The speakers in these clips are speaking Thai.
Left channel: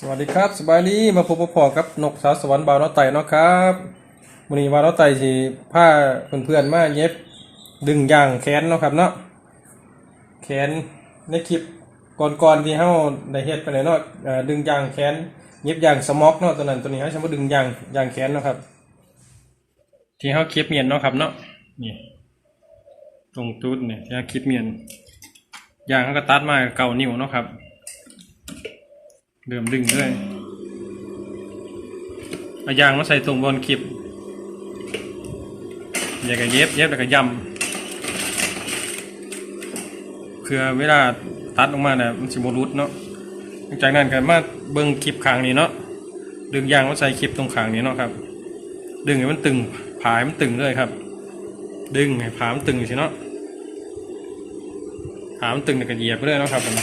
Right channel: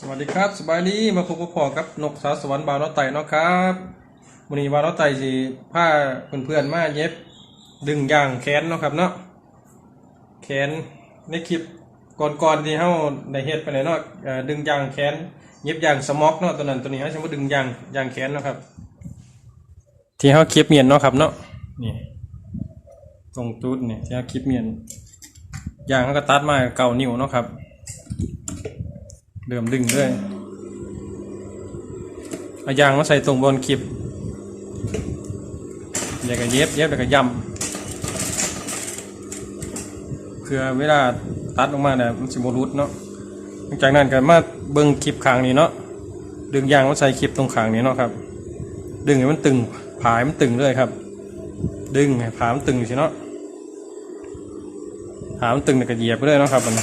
สวัสดีครับสบายดีมาพบกับพ่อกับนกสาวสวรรค์บาวน้อไต่เนาะครับวันนี้บาวน้อไต่สิผ้าเพื่อนๆมาเย็บดึงยางแขนเนาะครับเนาะแขนในคลิปก่อนๆที่เฮาได้เฮ็ดไปเลยเนาะดึงยางแขนเย็บยางสม็อกเนาะตัวนั้นตัวนี้เฮาจะมาดึงยางยางแขนเนาะครับ ที่เฮาคลิปเมียนเนาะครับเนาะนี่ตรงจุดเนี่ที่เฮาคลิปเมียนยางเขาก็ตัดมาเก่านิ้วเนาะครับ เริ่มดึงด้วยเอายางมาใส่ตรงบนคลิปอย่าก็เย็บเย็บแล้วก็ย่ำเพื่อเวลาตัดออกมาเนี่ยมันสิบรุดเนาะหลังจากนั้นก็มาเบิ่งคลิปขางนี้เนาะดึงยางมาใส่คลิปตรงขางนี้เนาะครับ ดึงให้มันตึงผายมันตึงเลยครับ ดึงให้ผามันตึงอยู่สิเนาะผามันตึงแล้วก็เหยียบไปเลยเนาะครับมัน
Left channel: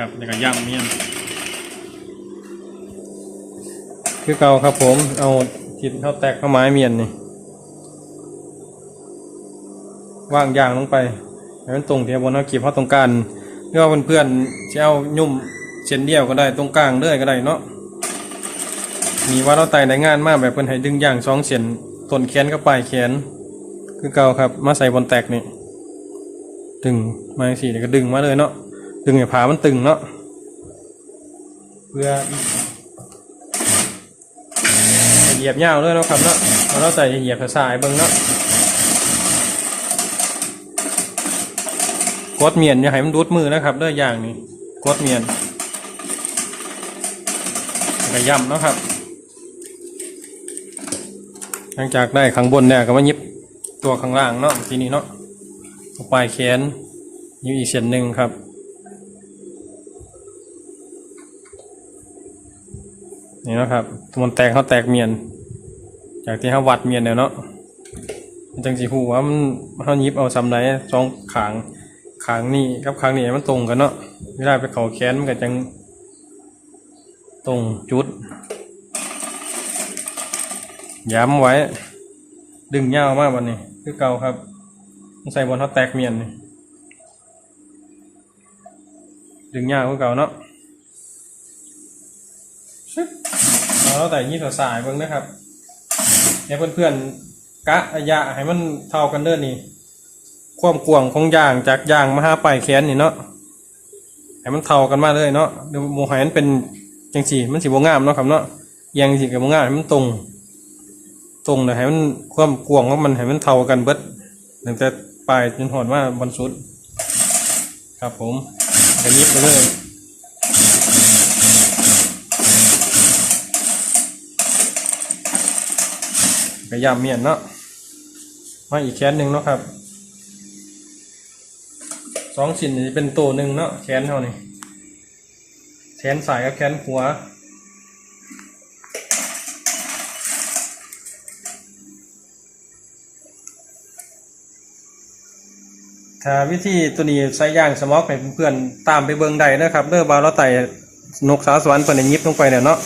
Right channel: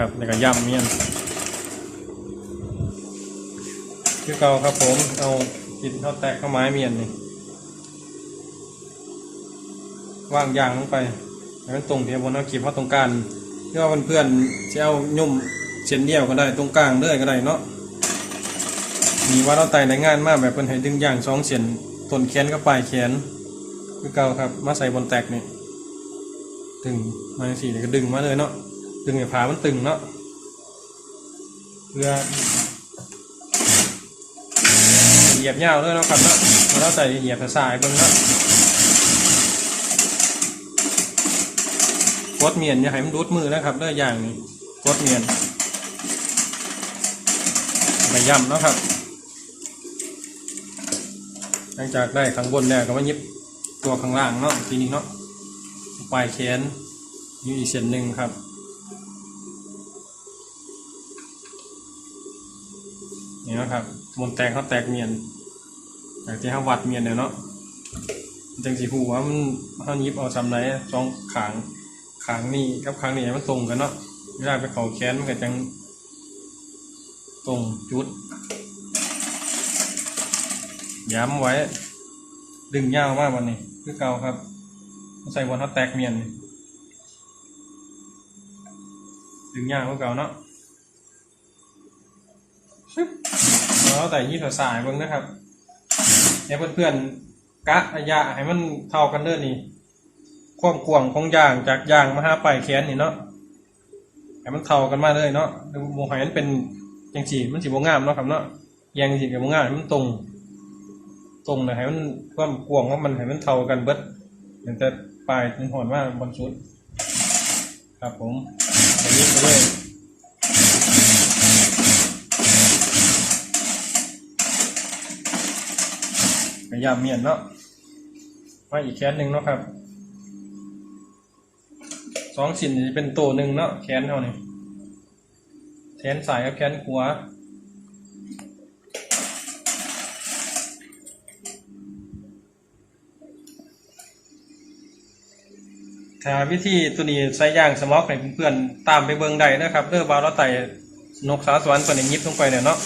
ครับแล้วก็ย่ำเมี่ยนคือเก่าครับผม เอากินข้าวแตกข้าวไม้เมียนนี่ว่างยางลงไปให้มันตรงเทียบบนเอากีบเข้าตรงกลางเพื่อเพื่อนๆจะเอายุ่มเส้นเดียวก็ได้ตรงกลางเรื่อยก็ได้เนาะมีว่าเราไต่ในงานมากแบบเป็นให้ดึงยางสองเส้นต้นแขนกับปลายแขน คือเก่าครับ มาใส่บนแตกนี่ดึงมาสี่ก็ดึงมาเลยเนาะ ดึงให้ผามันตึงเนาะเพื่อเหยียบยาวเลยเนาะครับเนาะแล้วเราใส่เหยียบสายๆเบิ่งเนาะกดเมียนอย่าให้มันดูดมือนะครับเด้ออย่างนี้กดเมียนกระยำเนาะครับ หลังจากได้ข้างบนเนี่ยก็มายิบตัวข้างล่างเนาะทีนี้เนาะปลายแขนยิบอีกเส้นหนึ่งครับ นี่นะครับมันแตกเขาแตกเมียนจากที่เขาวัดเมียนเนี่ยเนาะจังสีหูว่ามันเขายิบเอาซ้ำไหนสองขางขางนี่กับขางนี่มันตรงกันเนาะไม่ได้ไปเขาแขนมันก็จังตรงจุด ย้ำไว้ ดึงยาวมากวันนี้ คือเก่าครับต้องใส่บนเขาแตกเมียนดึงยาวคือเก่าเนาะ แล้วแต่ยี่สายเบิ่งนะครับเนี่ยเพื่อนๆกะระยะให้มันเท่ากันเด้อนี่ ความกว้างของยางจากยางมาห้าปลายแขนนี่เนาะให้มันเท่ากันมาเลยเนาะเดี๋ยวโมหันเป็นจังสีมันสีบงามเนาะครับเนาะแยงสีกับโมงามให้มันตรง ตรงเลยให้มันความกว้างของมันให้มันเท่ากันเบิดตั้งแต่ปลายจนหอดว่าบนสุดครับผมไปยิบไปเลย กระยำเมียนเนาะมาอีกแขนหนึ่งเนาะครับสองชิ้นนี้เป็นตัวหนึ่งเนาะแขนเท่านี้แขนสายกับแขนหัวถ้าวิธีตัวนี้ใช้ย่างสมอกให้เพื่อนๆตามไปเบิ่งได้นะครับเด้อบาเราไต่นกสาวสวรรค์ตัวนี้ยิบลงไปเนี่ยเนาะ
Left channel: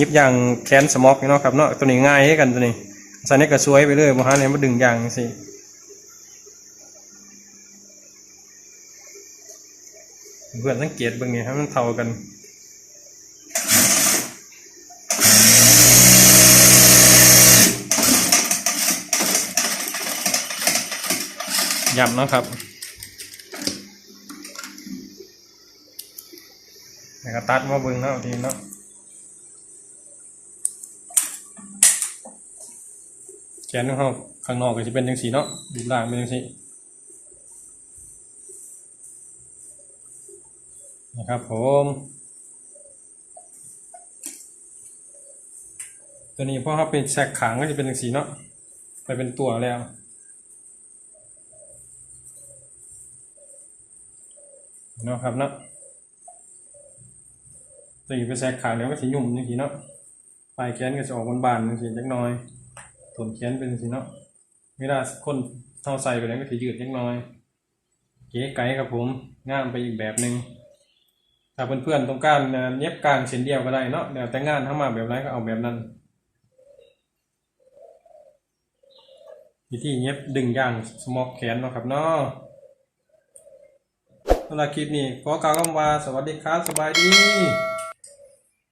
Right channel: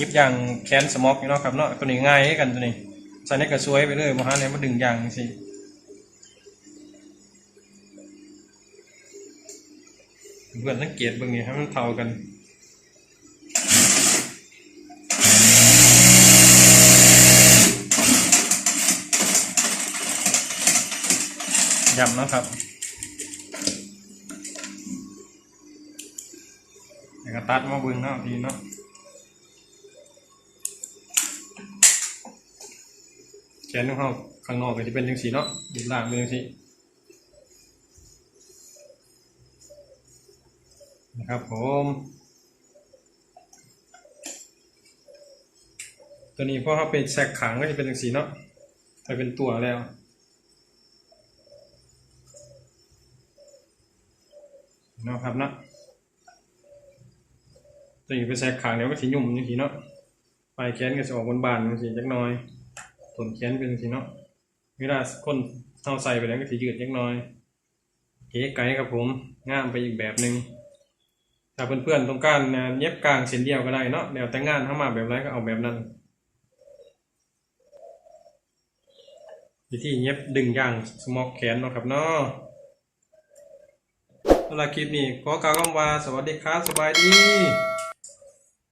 ยิบอย่างแขนสมอกเนาะครับเนาะตัวนี้ง่ายให้กันตัวนี้ ใส่ในกระสวยไปเลยมหาเนี่ยมาดึงยางสิเพื่อนสังเกตบื้องนี้ให้มันเท่ากันยำเนาะครับแล้วก็ตัดมาเบึงเนาะทีเนาะ ขนของเขาข้างนอกก็จะเป็นจังสีเนาะดูล่างเป็นจังสีนะครับผม ตัวนี้พอเขาเป็นแซกขางก็จะเป็นจังสีเนาะแต่เป็นตัวแล้วนะครับนะตัวนี้เป็นแซกขางเดี๋ยวก็สีหยุ่มจังสีเนาะปลายแขนก็จะออกบานๆจังสีจักน้อย ถมแขนเป็นสิเนาะเวลาคนเท้าใส่ไปแล้วก็ถือยืดเล็กน้อยเก๋ไก่ครับผมงามไปอีกแบบหนึ่งถ้าเพื่อนๆต้องการเย็บกลางเส้นเดียวก็ได้เนาะแล้วแต่งานเข้ามาแบบไรก็เอาแบบนั้นวิธีเย็บดึงย่างสมอกแขนเนาะครับเนาะสำหรับคลิปนี้ขอกล่าวคำว่าสวัสดีครับสบายดี